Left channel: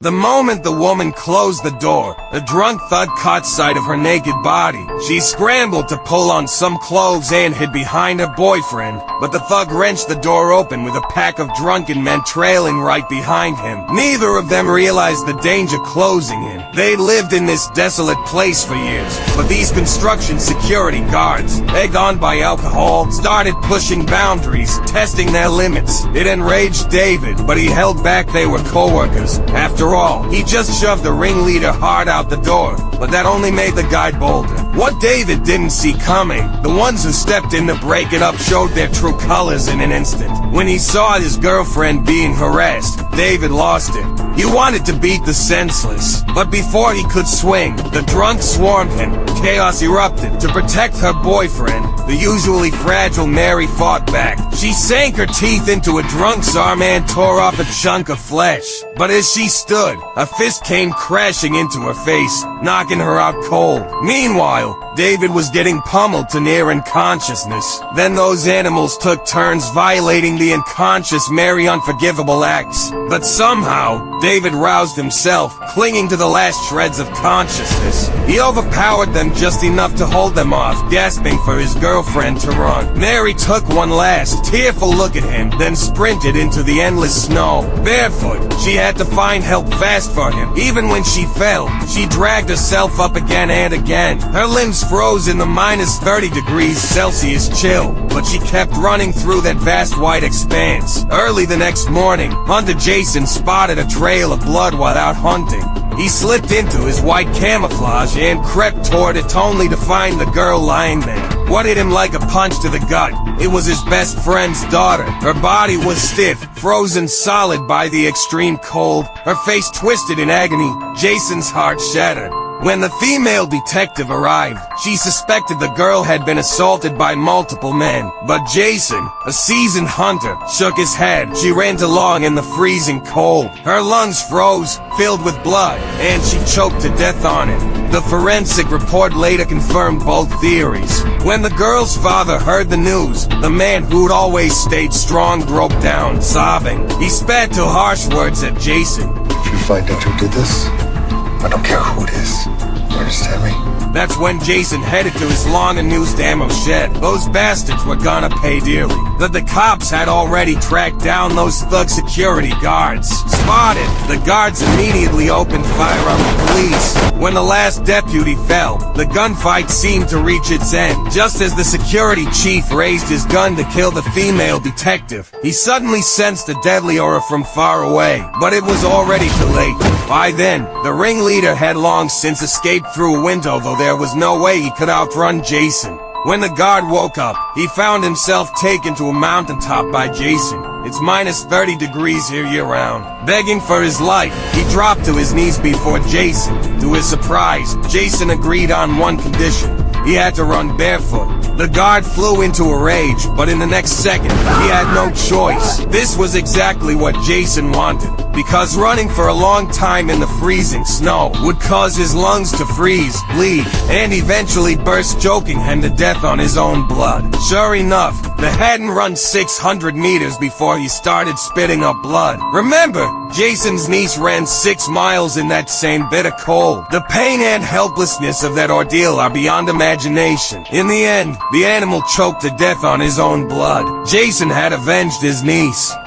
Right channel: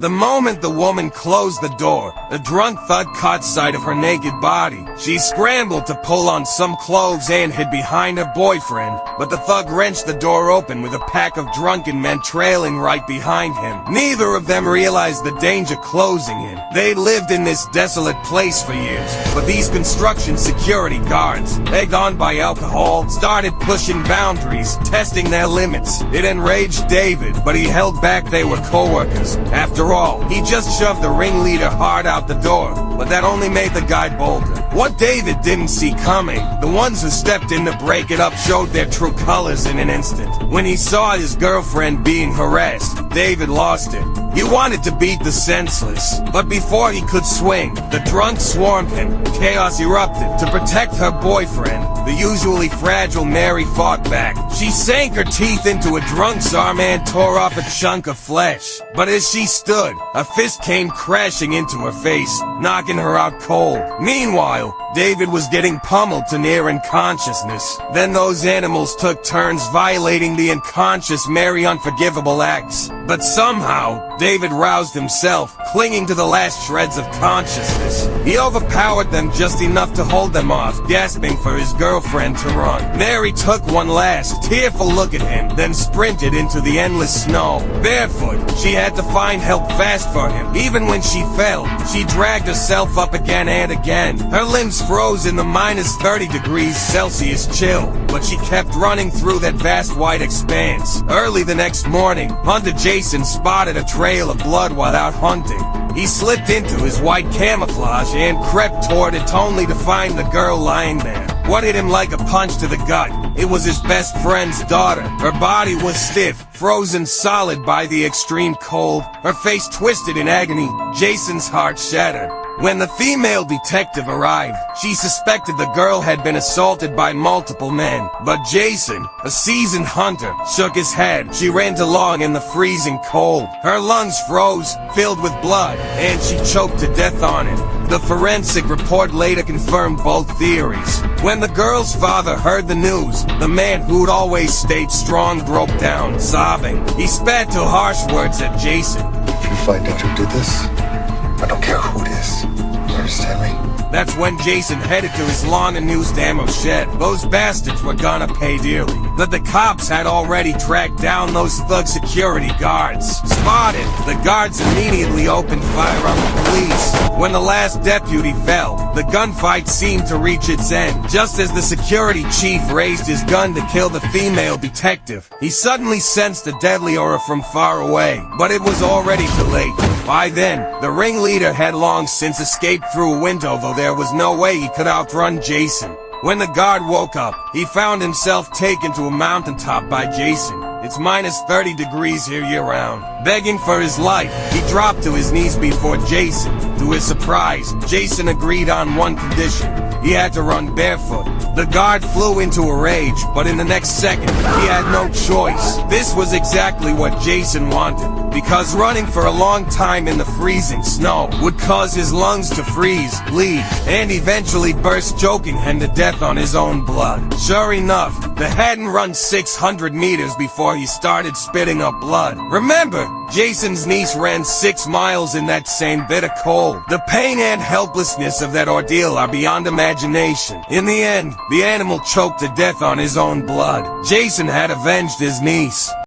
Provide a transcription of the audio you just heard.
The moment the woman closed the door, the drunk thug caught sight of her naked body. She scrambled to pull on some clothes and hid behind her boyfriend, but the thug wrenched the door open with a pack of drunken men trailing right behind him. Neither of them realized the danger closing in. They lived in this desolate place for years, but these construction security guards, egged on by alcohol, started pushing boundaries, testing their limits. It enraged David, but he held back. They were co-workers. After all, he just shoved the ringleader hard out the door, but that only made the guy bolder. What David didn't see coming, the ones who stepped in to break it up showed their true colors in an instant. When he saw his girlfriend being harassed, David lost it. He wanted to beat the senseless, but before he could swing, the drunk swarmed him. Chaos erupted. To protect her boyfriend, the usually fragile Mary fought back. She sank her teeth into a drunk's arm and tore off a chunk of flesh. But as she stood, a fist came crashing into her face, knocking her out cold. Meanwhile, David was getting pummeled to near unconsciousness. Then those animals took turns violating the unconscious Mary unforgivable acts. But somehow, David roused himself, clinging to the last shreds of consciousness. He overpowered them just enough to hold them off, gasping for his girlfriend to run. Mary took one last, tearful look at him, then sprinted into the endless snow. Barefoot, she had to find help fast for him. Even when she fell, she dragged herself up again and again. Her limbs froze in the minus 30 degrees Celsius chill, but she kept running through that vast white expanse. Early the next morning, Hunter Jason spotted a trail of blood while out hunting. He slipped into his white camouflage and crept toward it only to find the girl lying there. What hit him like a punch to the gut? It was his best friend's daughter. Her body was stiff, frozen solid by the extreme cold, her face twisted in agony. Jason's heart shattered. When the female detective arrived, she suspected the girl had been assaulted by multiple men. But Jason, a seasoned hunter, shook his head. She ran along in the freezing cold. Her lungs froze, filled with blood, and she choked to death on it. The forensic report later confirmed both theories. When the girl's father heard the news, the man who'd always stayed strong broke down, sobbing. He spat two harsh words at Jason. Did you find out who did this? I don't care who it is. You understand me? That's when Jason headed to his lawn and used ammo shed. Those bastards were gonna pay dearly. But the cops had already tracked down those thug security guards. Spotted, the guards immediately opened fire on the police. When the last deputy fell, the gunfight seemed to reach its end. Just as the security chief raised his gun to kill the female detective, he suddenly sensed a deadly aura from far away. But it was already too late. By then, the ringleader had long since escaped through a window, though there was no way he could outrun Jason. When the guard woke up, he found himself taken to a mountaintop by Jason. It's minus 30 degrees here year-round. Begging for his life, he dropped to his knees before Jason. To his surprise, Jason agreed on one condition. He had to run barefoot. The guard flew into a rage, but in the next second, he had no choice. This was exactly what Jason wanted, because running for a long time in the freezing snow would cause his lungs to freeze, bleed, and eventually burst, choking him to death on his own blood. Sure enough, the hadn't run 600 meters before he started spitting up blood. Remember, Jason's niece ran 6 miles in that same bitter cold. The pain and helplessness of that ordeal are beyond imagination. In the end, the animal choked to death on his own blood. Jason had avenged his niece.